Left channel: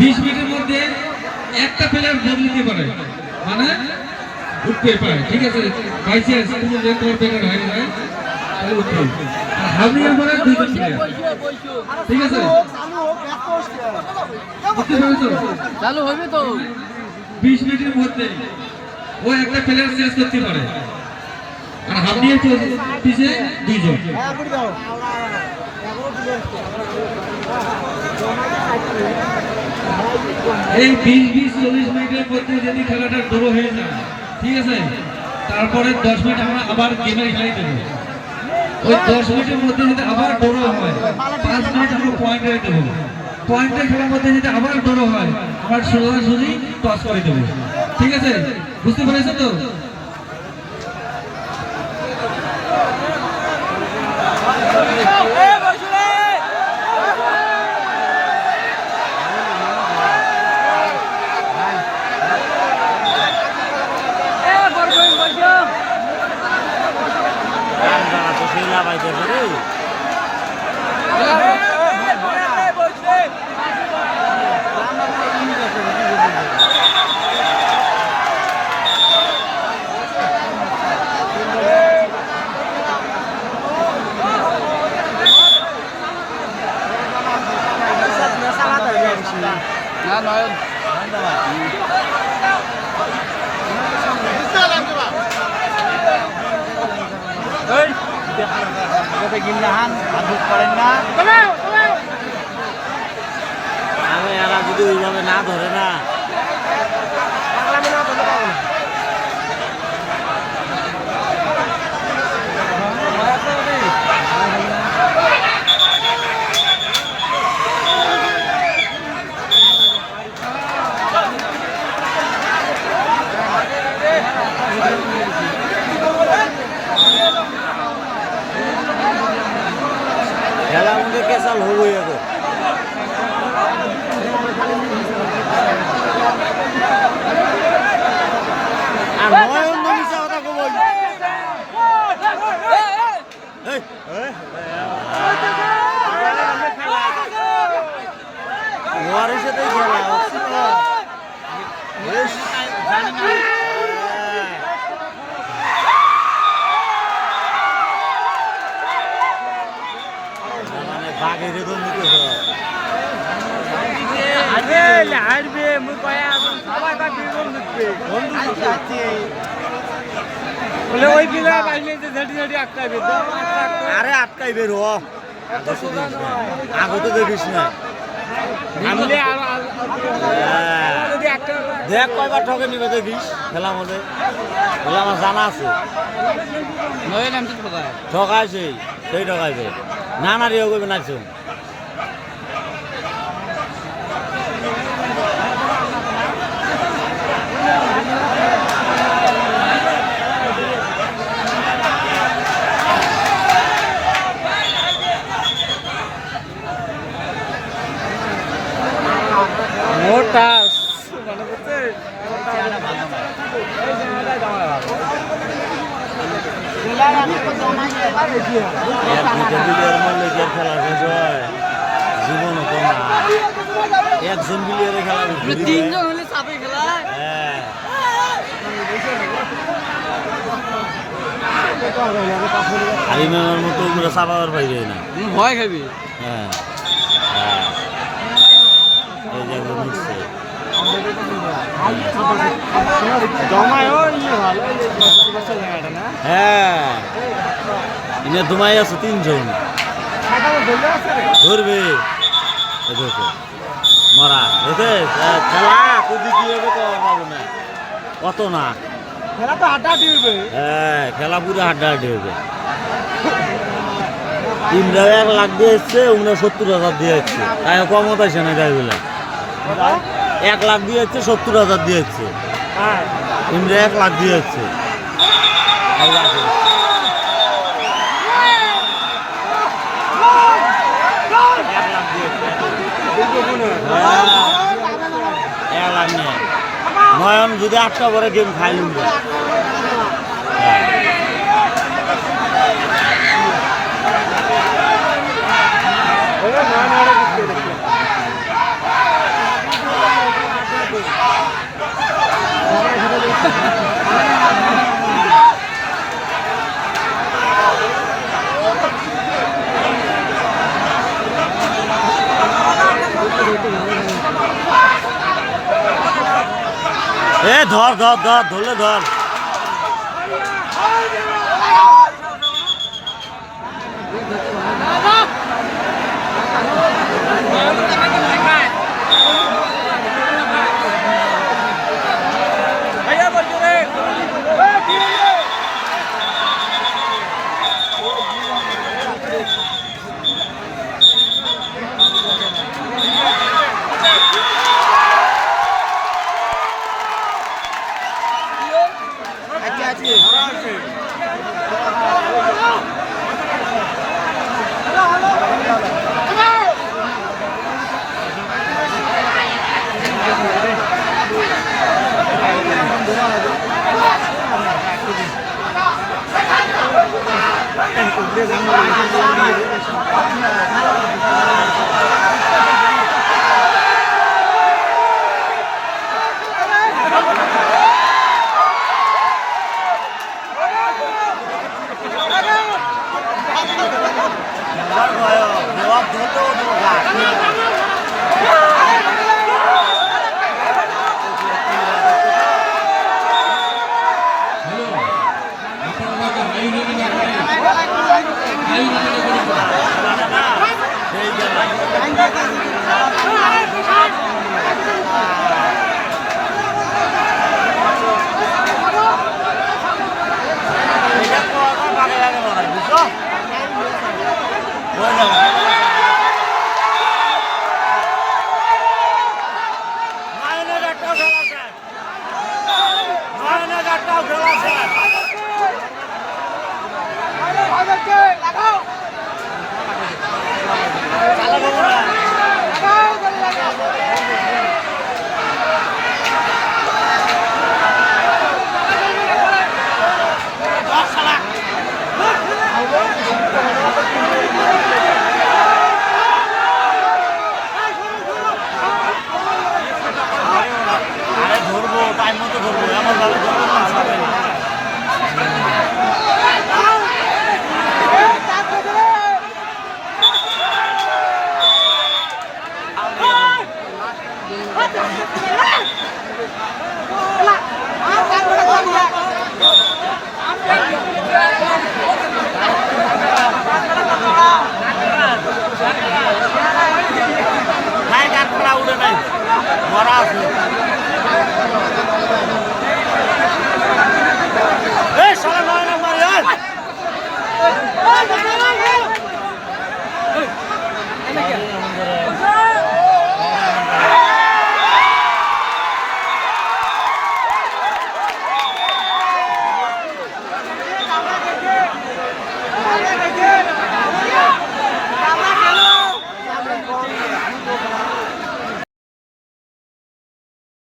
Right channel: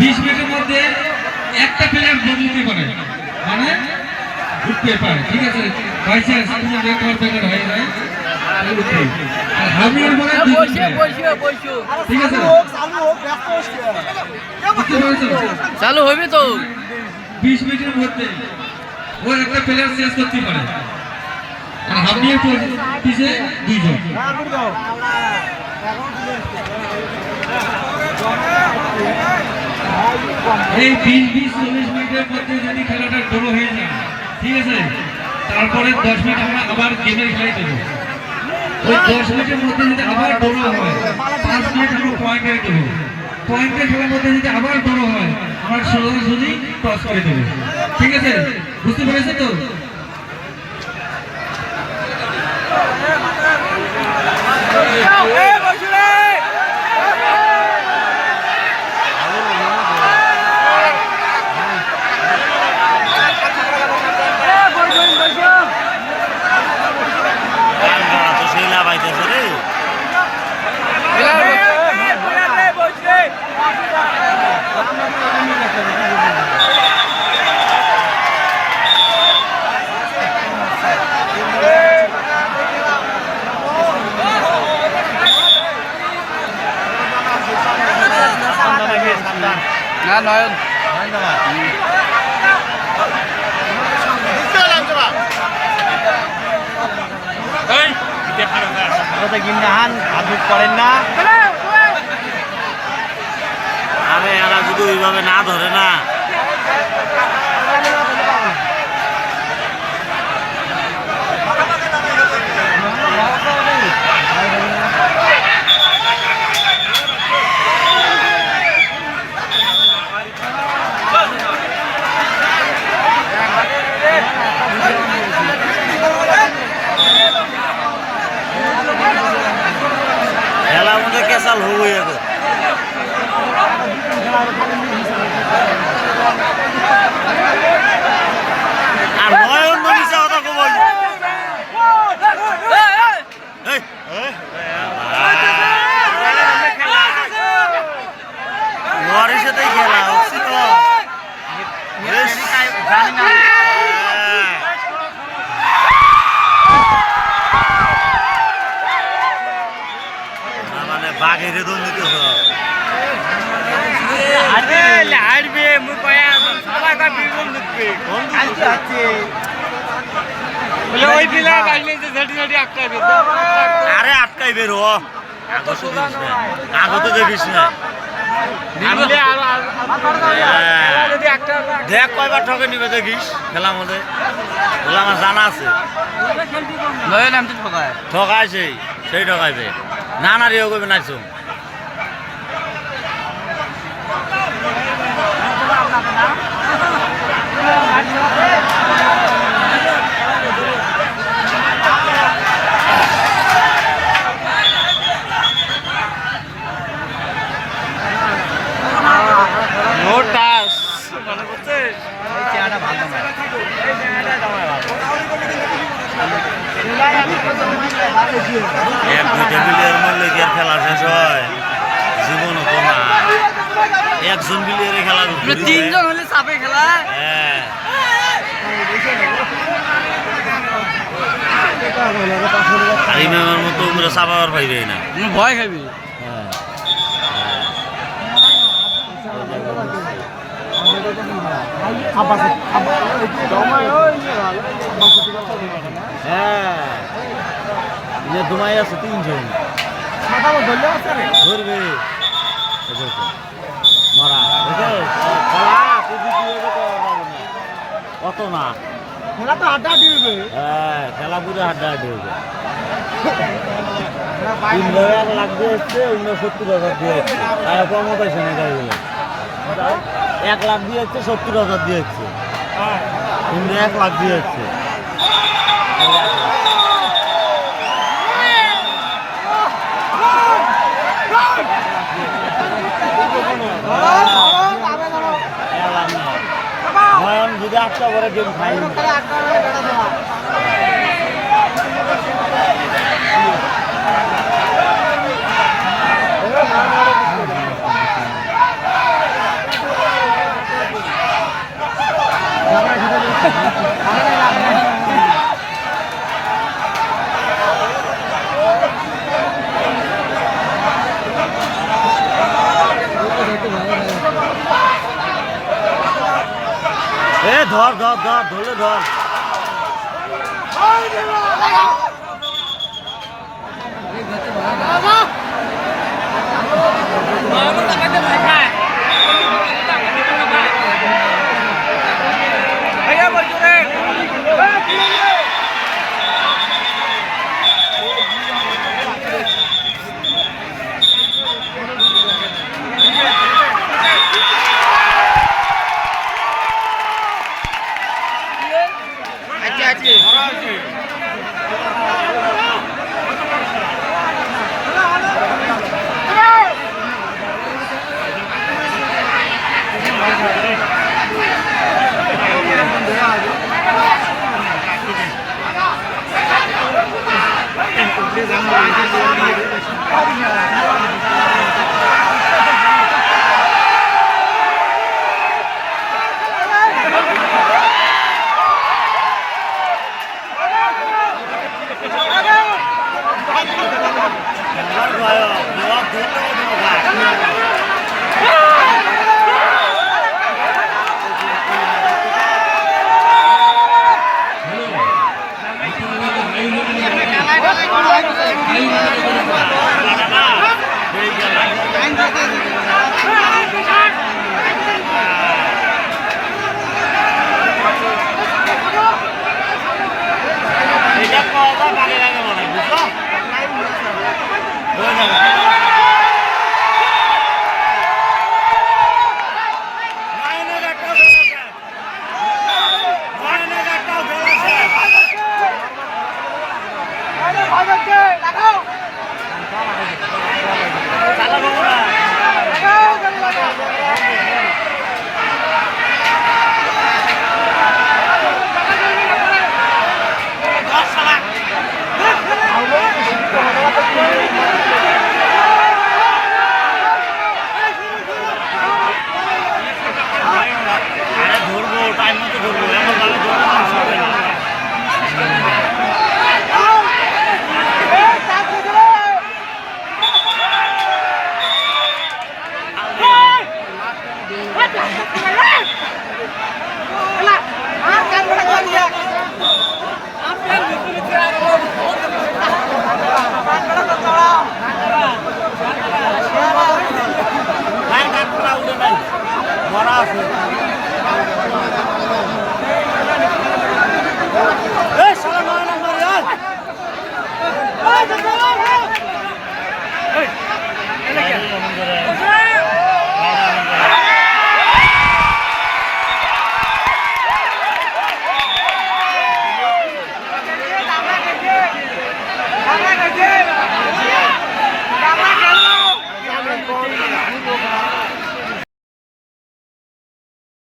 বিশ মিনিটের মধ্যে একটা প্লেয়ার বদলিতে পারে, মানে উঠতে পারে। ঠিক আছে, বাইচান্স কোনো রেকর্ড বেকার হয়ে যায় হামিয়ার মনে ঠিক আছে, চালু হবে তো 20 মিনিটের মধ্যে ও একটা প্লেয়ার চেঞ্জ করতে পারে। আর হামিয়ার পিছে দুইজন। এই 20-40 মিনিটের মধ্যে যদি খেলাটা ড্র হয়ে যায়, ঠিক আছে, তারপরে 10 মিনিট আমরা আবার গেমে খেলাই দেবো। ওই 10 মিনিটের মধ্যে যদি আবার ড্র হয়, 5 মিনিট আমরা পয়েন্টে দেবো। পয়েন্টে খেলার মধ্যে যদি আবার ড্র হয়, আমরা সোজাসুজি টস করে দেবো। ঠিক আছে, বুঝতে পেরেছো তো? না নয়ন আরে এরা যদি ওইভাবে না ধরে না, খেলার মধ্যে কেসাল হবই এখন। আর নয়ন মিশা কথা কবই ওয়ারের সাথেই খেলা হচ্ছে তো। মানে বাঘের দম দিতেছ। আরে হারবে মুই কয়া সবাই কা বিরম দিতে ঘুম দিতে বলে ওই বিলা বাইলে যে ঝাড়ি ঝাড়ি আটকাইবে। আরে আটকাইবে রো, আগত দেখিস না। দেখ কয়বার ঠকে নিবে দেখিস খেলার মধ্যে। খেলা আমার জানা আছে, ঠকাইছে সেই ঠকাইবে না। না রিও করবে নাইছো নোটাস মানে করতে খেলা শেষ হয় জীবন হতো না। একজন বিলিয়ারে খেলা, 3 জন হলে চাপে খেলা। হ্যাঁ হারিমের মতো উমরা চাপাবার পাইবে না, ভয় খাবি। হ্যাঁ হ্যাঁ তোমায় আছে 3 জন ধরবে মরা খেলা অত না, খেলা তো হাড্ডাহাড্ডি হবে। হ্যাঁ খেলা পুরো হাড্ডাহাড্ডি হবে। ইমরা 1 লাখ দিয়েছে, অন্য 70,000 দিয়েছে। তাই কম হতাইছে না গাড়িগুলো। 1 লাখ দিয়েছে, 70,000 দিয়েছে। ইমরা 1 লাখ দিয়েছে। নয়ন যদি 8টা করে গেম খাই এ ধর ধর ধর ধরলে ধর